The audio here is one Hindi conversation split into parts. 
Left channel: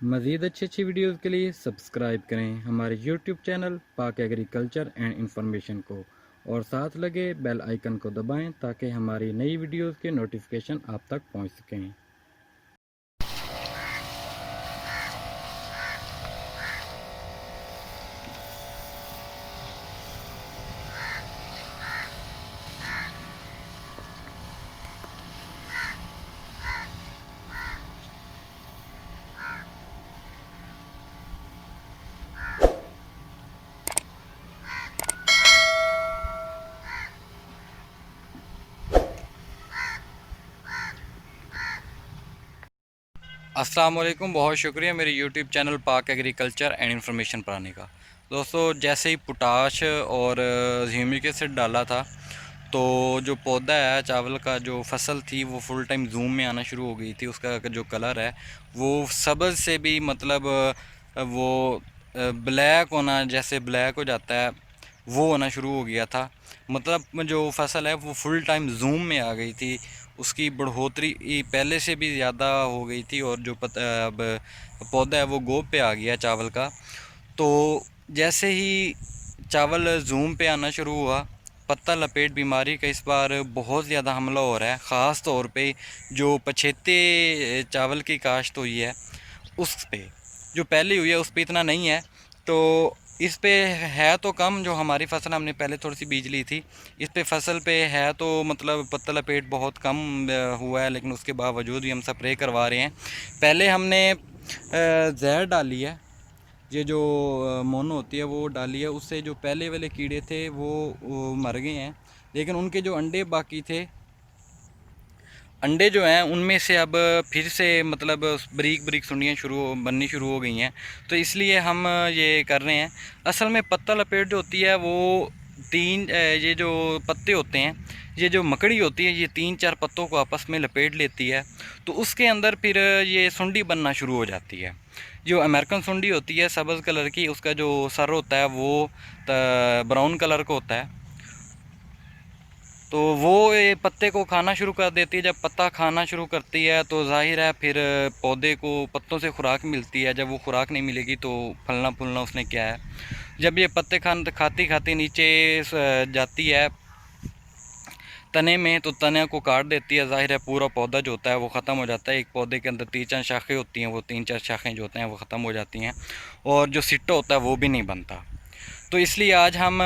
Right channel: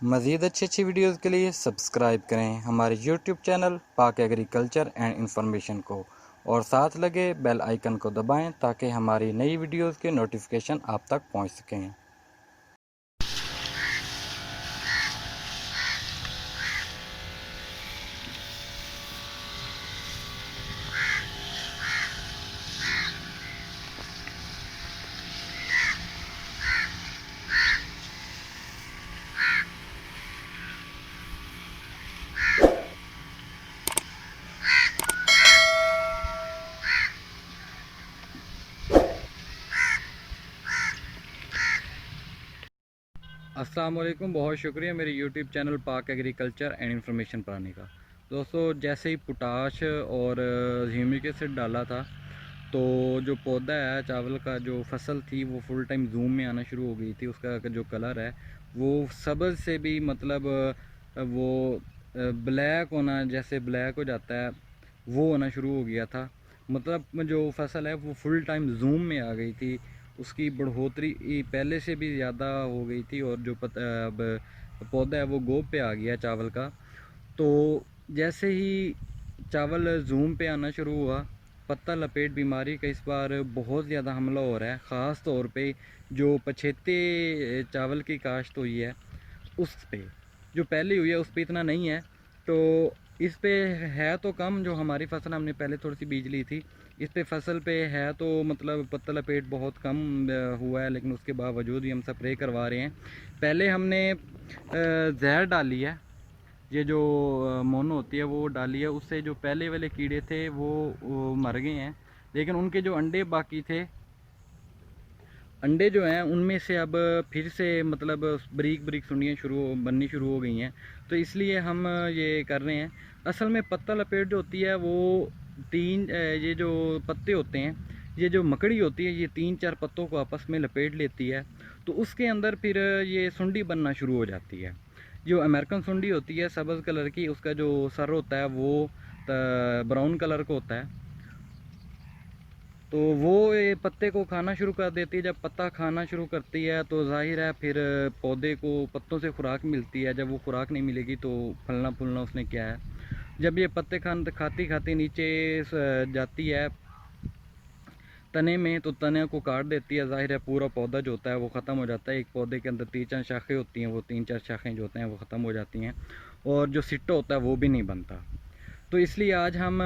मज़ीद अच्छी अच्छी वीडियोज़ के लिए सब्सक्राइब करें हमारे यूट्यूब चैनल पाक एग्रीकल्चर एंड इंफॉर्मेशन को, और साथ लगे बेल आइकन को दबाएं ताकि हमारी नई वीडियोज़ के नोटिफिकेशन आप तक पहुंच सकें। अस्सलाम वालेकुम, बहुत शुक्रिया मेरे यूट्यूब चैनल पाक एग्रीकल्चर एंड इंफॉर्मेशन पर आने का। दोस्तों, जैसे ही पोटाश और ह्यूमिक एसिड डाला था तो जो पौधा है चावल का, जो फसल थी वो फुल टाइम जूम में आना शुरू हो गई थी। उसका जो कलर है वो सब्ज़ से भी मतलब वो ब्लैक होना, जैसे ब्लैक हो जाता है वो होना शुरू हो गया था। मतलब जो फसल है वो फुल टाइम जूम में आ गई थी। उसकी बढ़ोतरी पहले से भी ज़्यादा हो गई थी और जो अब पौधा है वो गोब पे आ गया चावल का। तो जैसे ही चावल जूम पे आना शुरू हुआ, पत्ता लपेट बीमारी का इस बार बहुत ज़्यादा हमला हो रहा है। ख़ास तौर पे जो पछेते चावल की काश्त हुई है उस पे, जो पहले हुई है उस पे इतना नहीं है। तो इस पे है तो कम, जो हमारी फसल हमने पहले थोड़ी सी बीज ली थी, इस पे फसल पे है तो मतलब पत्ता लपेट बहुत कम हुआ है, लेकिन उसके बावजूद भी हम स्प्रे करवा रहे हैं। पहले हमने जहर डाली है, ये जो मोनो होती है वो डाली है। उससे जो पहले वाले कीड़े थे वो मर गए हैं, लेकिन उनके जो अंडे बाकी थे, अंडे जो हैं उनमें से अब फिर से मतलब बारीक बारीक सुंडियाँ बननी शुरू हो गई हैं। तो इसलिए हम ये कर रहे हैं। असल में पत्ता लपेट जो होती है वो ये जो पत्ते होते हैं, ये जो मकड़ी होती है, ये 3-4 पत्तों को आपस में लपेट लेती है। तो उसके अंदर फिर ये सुंडी बनना शुरू हो जाती है। जो अमेरिकन सुंडी होती है सब्ज़ कलर की, उसका जो सर होता है वो ब्राउन कलर का होता है। तो वो ये पत्ते को खाना शुरू कर देती है। जब पत्ता खाना शुरू करती है तो जाहिर है फिर पौधे को पत्तों से खुराक मिलती है। जब वो खुराक नहीं मिलेगी तो फलना फूलना उसने क्या है। जब ये पत्ते खाती खाती नीचे जाती है तने में, तो तने को काट देती है। जाहिर है पूरा पौधा जो होता है वो ख़त्म हो जाता है। एक पौधे के अंदर 3-4 शाखें होती हैं, वो 3-4 शाखें जो होते हैं वो ख़त्म हो जाती हैं, और जो सिट्टा होता है वो भी नहीं बनता। तो इसलिए आज हम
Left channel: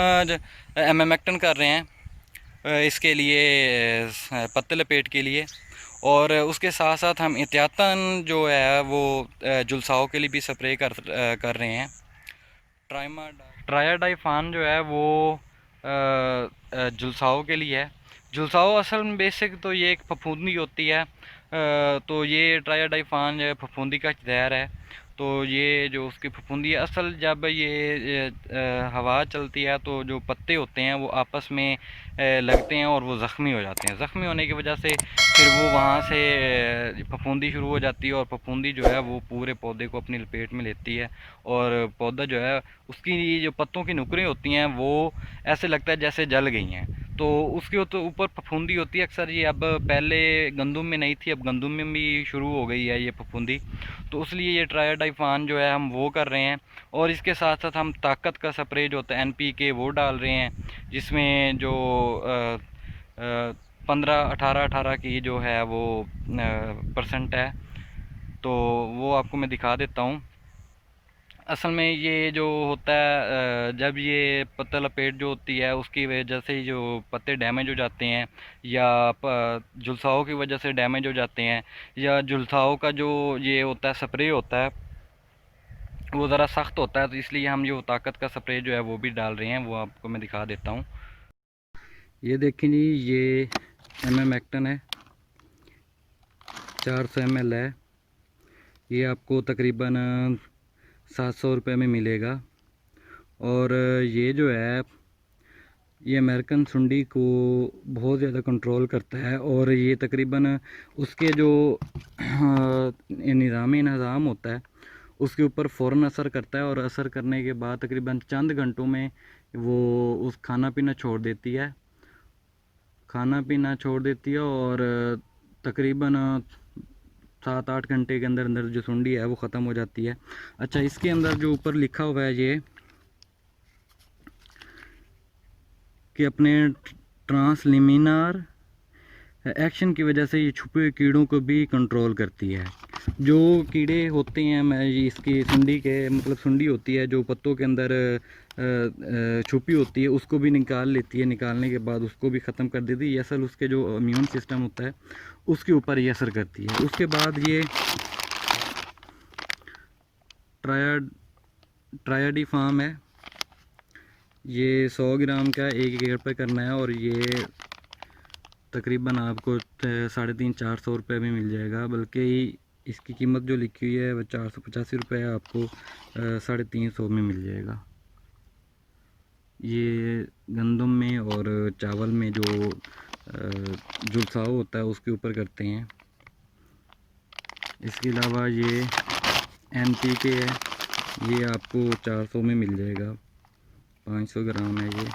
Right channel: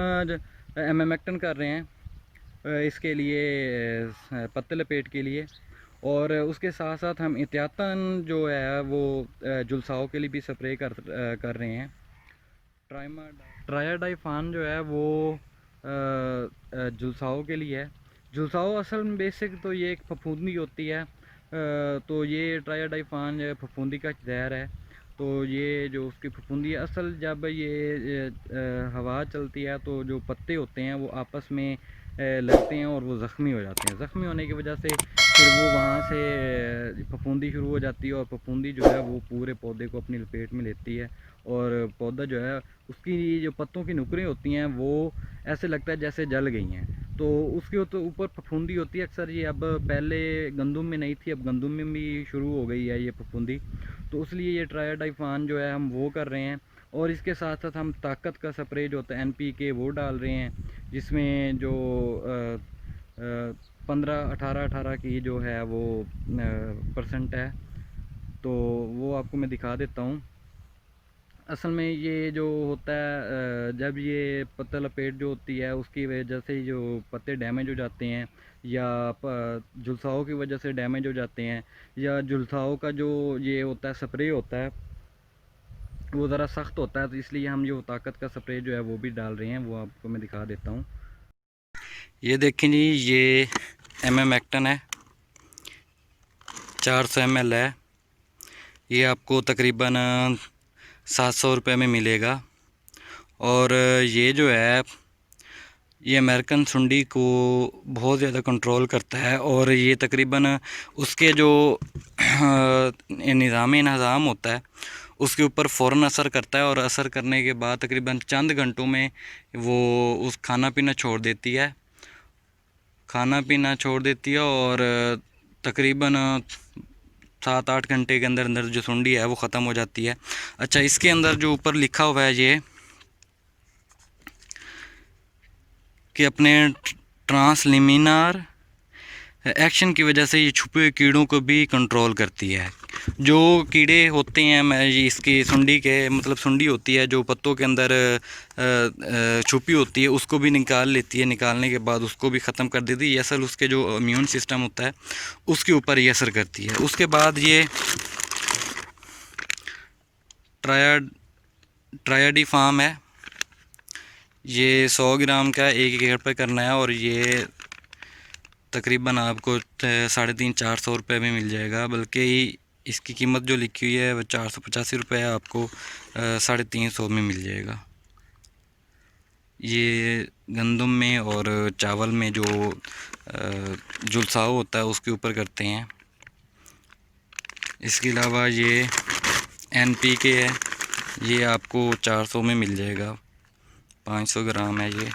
एमेमेक्टन कर रहे हैं इसके लिए, पत्ते लपेट के लिए। और उसके साथ साथ हम एहतियातन जो है वो जुलसाओं के लिए भी स्प्रे कर रहे हैं। ट्रायाडाइफान जो है वो जुलसाओं के लिए है। जुलसाओं असल में बेसिक तो ये एक फफूंदी होती है। तो ये ट्रायाडाइफान जो है फफूंदी का जहर है। तो ये जो उसकी फफूंदी है, असल जब ये हवा चलती है तो जो पत्ते होते हैं वो आपस में लगते हैं और वो ज़ख्मी हो जाते हैं। ज़ख्मी होने की वजह से फिर वो वहाँ से फफूंदी शुरू हो जाती है, और फफूंदी जो है वो पूरे पौधे को अपनी लपेट में लेती है। और पौधा जो है, उसकी जो पत्तों की नुकरें होती हैं वो ऐसे लगता है जैसे जल गई हैं। तो उसके तो ऊपर फफूंदी होती है अक्सर। ये अब पहले गंदम में नहीं थी, अब गंदम में भी शुरू हो गई है ये फफूंदी। तो इसलिए ये ट्रायाडाइफान जो है हम वो कर रहे हैं। और इसके साथ साथ हम ताकत का स्प्रे जो होता है NPK वो डाल रहे हैं, जिसमें जो 15-18 की जो है वो परसेंट है। तो वो आपको मैं दिखा देता हूँ। असल में ये जो होता है जब ये पत्ता लपेट जो होती है उसकी वजह से जो पत्ते डैमेज हो जाते हैं, या जुलसाओं की वजह से डैमेज हो जाते हैं, या जुलसाओं का जो ये होता है स्प्रे होता है वो ज़रा सख्त होता है, तो इसलिए हम जो ताकत का स्प्रे जो है वो भी डाल रहे हैं। वो आपको मैं दिखा देता हूँ। ये देखें जी, ये एमेमेक्टन है, 400 ml है। ये आपको तकरीबन 700 रुपये में मिलेगा। और ये जो है ये अमेरिकन सुंडी को बहुत ज़्यादा कंट्रोल करता है, और ये तकरीबन उसके जो निज़ाम इंहज़ाम होता है उसके ऊपर फ़ौरन असर करता है। और असर करने के बाद तकरीबन चंद घंटों में वो उस खाना पीना छोड़ देती है, और तकरीबन 7-8 घंटे के अंदर अंदर जो सुंडी है वो ख़त्म हो जाती है। अच्छा, इसके अंदर जो ऊपर लिखा हुआ है ये कि अपने ट्रांसलिमिनार एक्शन की वजह से ये छुपे हुए कीड़ों को भी कंट्रोल करती है। जो कीड़े होते हैं, मैं ये इसकी सुंडी के मतलब सुंडी होती है जो पत्तों के अंदर छुपी होती है, उसको भी निकाल लेती है। निकालने के बाद उसको भी ख़त्म कर देती है। ये असल उसके जो इम्यून सिस्टम होता है उसके ऊपर ये असर करती है। उसके बाद ये ट्रायडी फार्म है, ये 100 ग्राम का 1 एकड़ पर करना है और ये तकरीबन आपको 350-400 रुपये में मिल जाएगा। बल्कि इसकी कीमत जो लिखी हुई है वो 485 रुपये है, आपको 350 में मिल जाएगा। ये गंदम में और चावल में जो जुलसाव होता है उसके ऊपर करते हैं। इसके अलावा ये NPK है, ये आपको 400 में मिल जाएगा, 500 ग्राम है ये।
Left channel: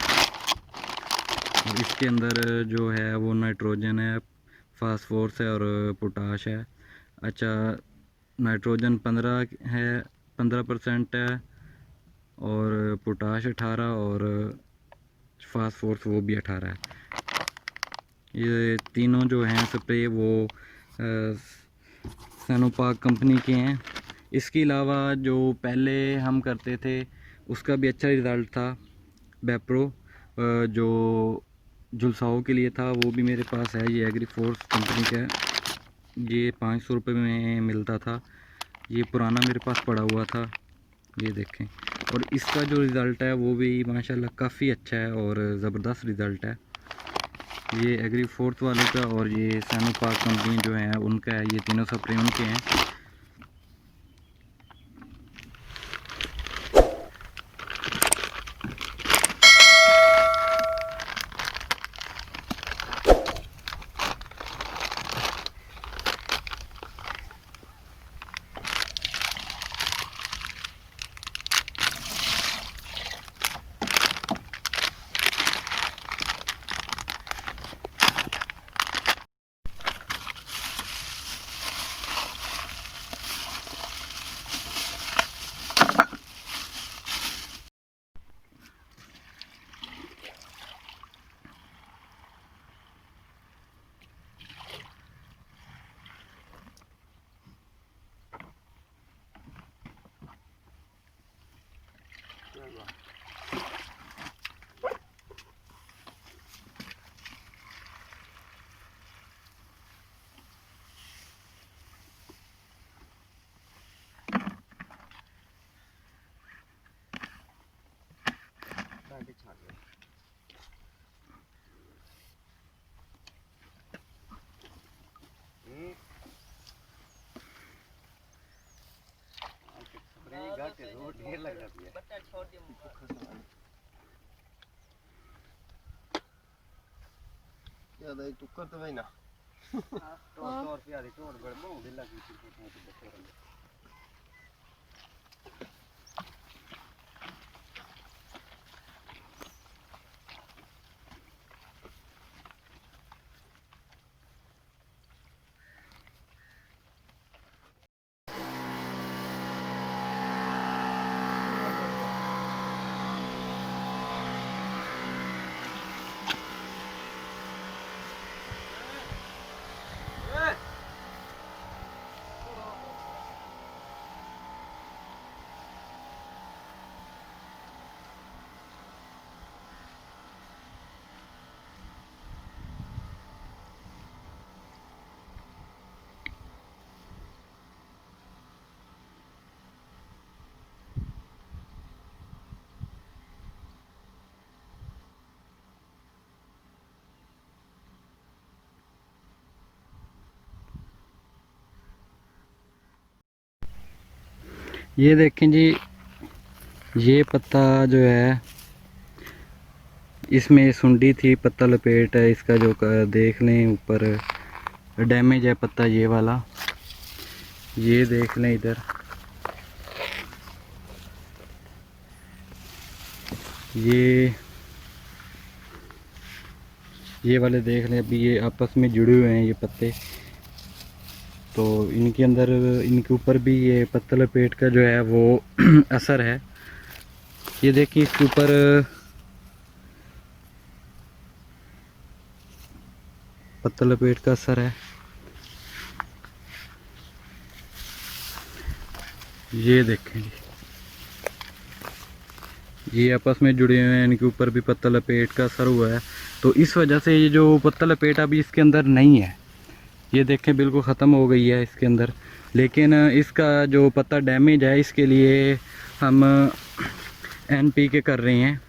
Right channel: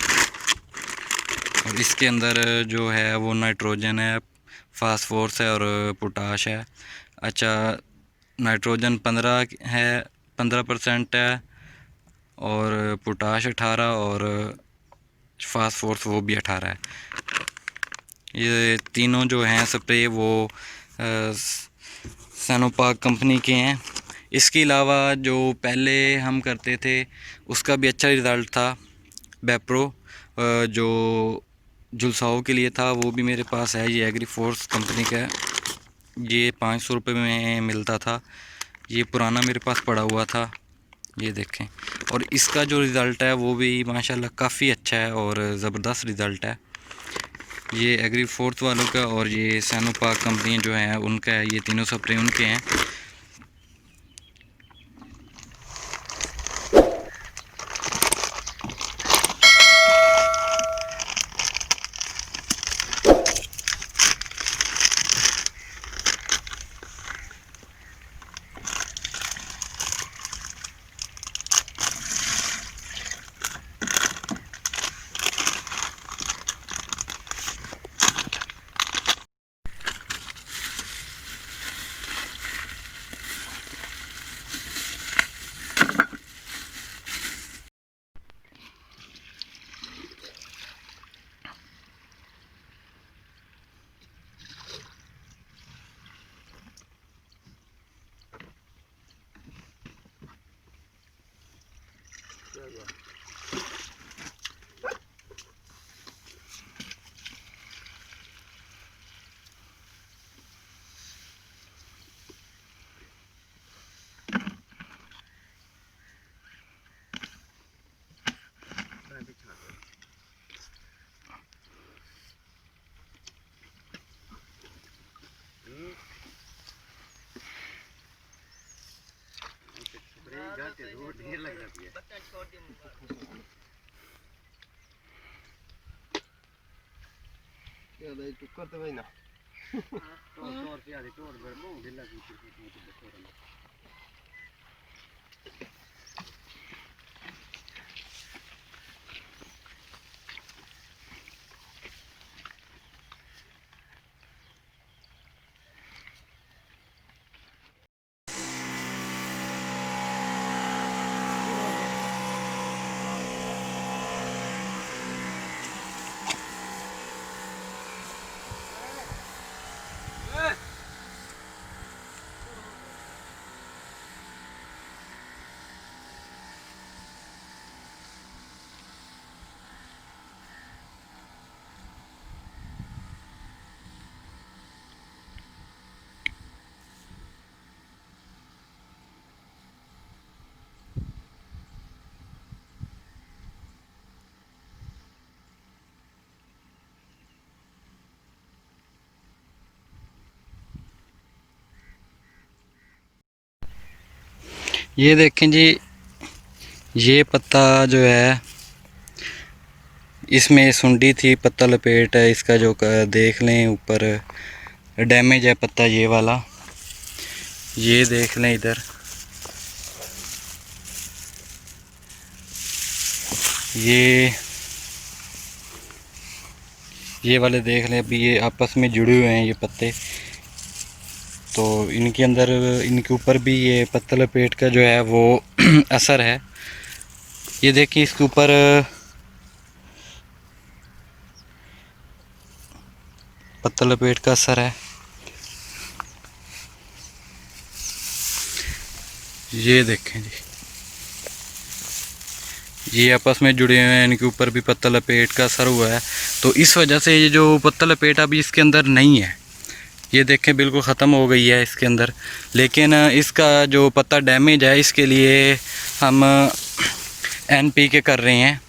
और इसके अंदर जो है वो नाइट्रोजन है, फास्फोरस है और पोटाश है। अच्छा, नाइट्रोजन 15% है और पोटाश 18 और फास्फोरस वो भी 18 है। ये तीनों जो हैं स्प्रे वो सैनोपाक कंपनी के हैं। इसके अलावा जो पहले हम करते थे उसका भी अच्छा रिज़ल्ट था, बेप्रो जो जुलसाओं के लिए था, वो भी मेरे पास है। ये एग्री फोर्स कंपनी का है, ये 500 रुपये में मिलता था। ये पुराना मेरे पास पड़ा हुआ था, ये देखें। और इसका जो रिज़ल्ट है वो भी माशाल्लाह काफ़ी अच्छा है और ज़बरदस्त रिज़ल्ट है। ये एग्री फोर्स वालों का और ये सैनोपाक कंपनी जो है उनका है, ये तीनों स्प्रे उनके हैं। ढेर लग जाती है। क्या दे टुक्कर तो भाई ना तोड़ पे आदि तोड़ बड़ मो ढिला की तोड़। ये देखें जी, ये पत्ता जो है इसमें सुंडी थी, पत्ता लपेट है इसका जो देख लें ऊपर डैमेज है पत्ता ये वाला, ये देख लें इधर। ये वाले देख लें, अभी ये आपस में जुड़े हुए हैं ये पत्ते। तो इनके अंदर, इनके ऊपर भी ये पत्तल पेट का जो है वो असर है। ये देखिए इसके ऊपर पत्तल पेट का असर है। ये देखें जी, ये आपस में जुड़े हुए हैं, इनके ऊपर भी पत्तल लपेट का असर हुआ है। तो इस वजह से ये जो पत्तल लपेट अभी इसके अंदर नहीं है, ये देखें बिल्कुल ख़त्म हो गई है इसके अंदर। लेकिन इसका जो पत्ता डैमेज है, इसके लिए हम NPK कर रहे हैं,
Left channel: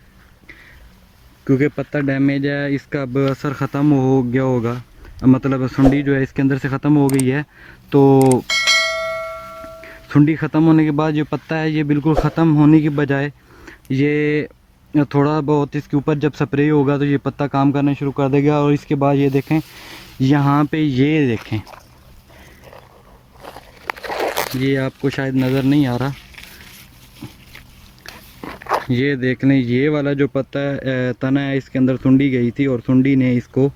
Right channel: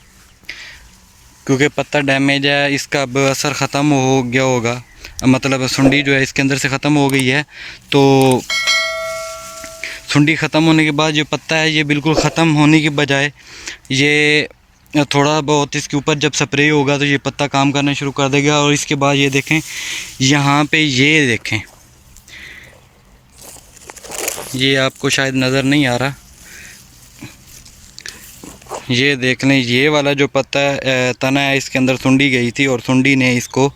क्योंकि पत्ता डैमेज है, इसका अब असर ख़त्म हो गया होगा, मतलब सुंडी जो है इसके अंदर से ख़त्म हो गई है। तो सुंडी ख़त्म होने के बाद जो पत्ता है ये बिल्कुल ख़त्म होने की बजाय ये थोड़ा बहुत इसके ऊपर जब स्प्रे होगा तो ये पत्ता काम करना शुरू कर देगा। और इसके बाद ये देखें यहाँ पे, ये देखें, ये आपको शायद नज़र नहीं आ रहा, ये देख लें, ये वाला जो पत्ता तना है इसके अंदर सुंडी गई थी और सुंडी ने इसको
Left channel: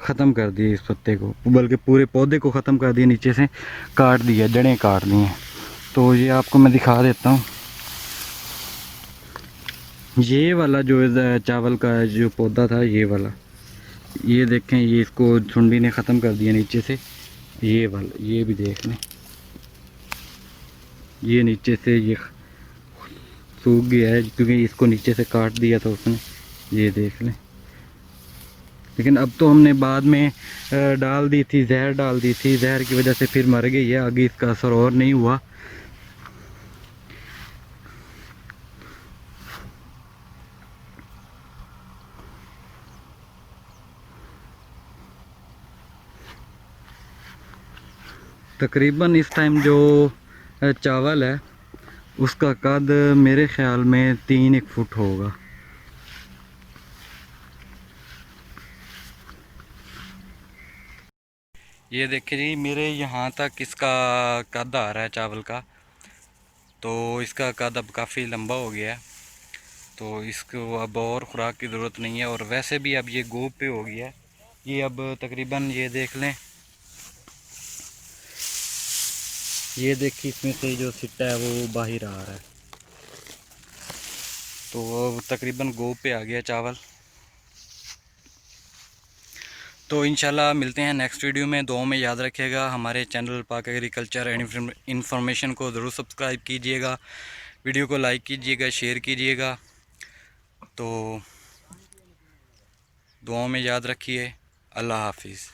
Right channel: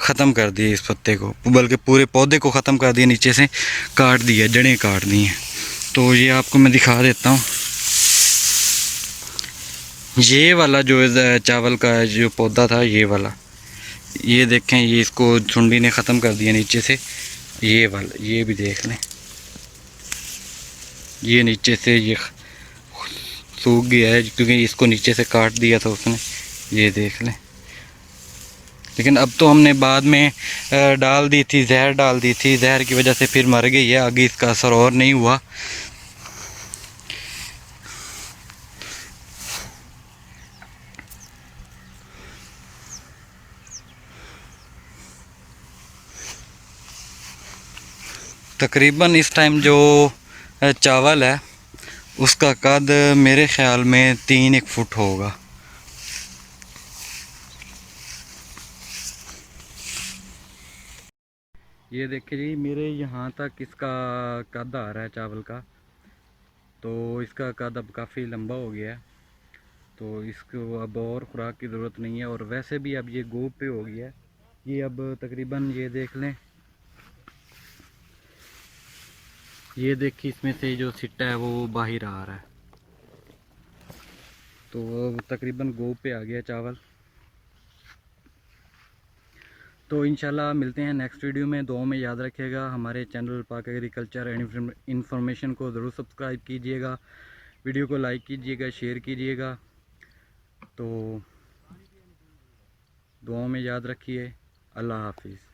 ख़त्म कर दिया, इस पत्ते को, बल्कि पूरे पौधे को ख़त्म कर दिया, नीचे से काट दिया, जड़ें काट दी हैं। तो ये आपको मैं दिखा देता हूँ, ये वाला जो चावल का जो पौधा था, ये वाला, ये देखें, ये इसको सुंडी ने ख़त्म कर दिया नीचे से। ये वाला, ये भी देख लें, ये नीचे से ये सूख गया है क्योंकि इसको नीचे से काट दिया था उसने, ये देख लें। लेकिन अब तो हमने बाद में डाल दी थी, जहर डाल दी थी, जहर की वजह से फिर मर गई है, आगे इसका असर और नहीं हुआ। तकरीबन इस टाइम जो चावल है उसका कद मेरे ख़्याल में 3-1 फुट होगा। ये देखिए जी, मेरे यहाँ तक इसका कद आ रहा है चावल का, तो इसका कद अब काफ़ी लंबा हो गया है। तो इसको अब और ख़ुराक की ज़रूरत नहीं है, और वैसे भी अब ये गोब पे हो गया है। ये अब तकरीबन, ये देख लें, ये देखिए इसमें से जो सिट्टा है वो बाहर आ रहा है, तो वो तकरीबन गोब पे आ गया चावल। तो इंशाल्लाह मिलते हैं नेक्स्ट वीडियो में। दुआओं में याद रखिएगा, हमारे चैनल पाक एग्रीकल्चर एंड इन्फॉर्मेशन को ज़रूर सब्सक्राइब कीजिएगा, वीडियो को लाइक कीजिएगा, शेयर कीजिएगा। तो दुआओं में याद रखिए। अल्लाह हाफिज़।